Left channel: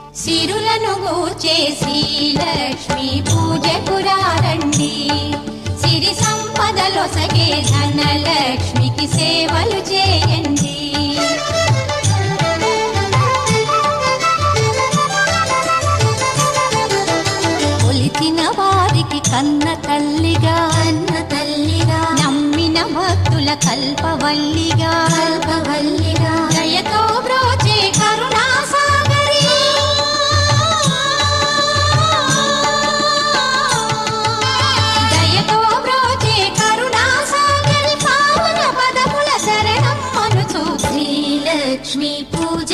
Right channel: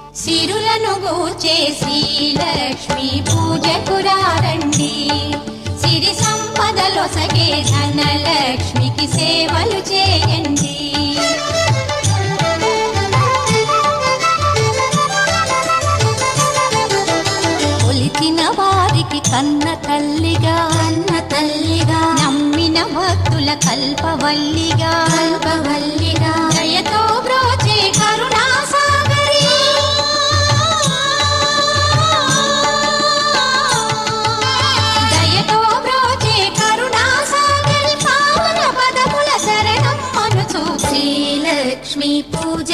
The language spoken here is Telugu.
సిరులను చేసి లక్ష్మి పూజకు రండి సిరి సంపదలొసగే ధనలక్ష్మికి సేవలు చేయండి. కొలిచిన వారికి కన్న తల్లిగా అన్న తల్లిగా నమ్మిన భక్తుల కల్పవల్లిగా కల్పవల్లిగా. लक्ष्मी पूजा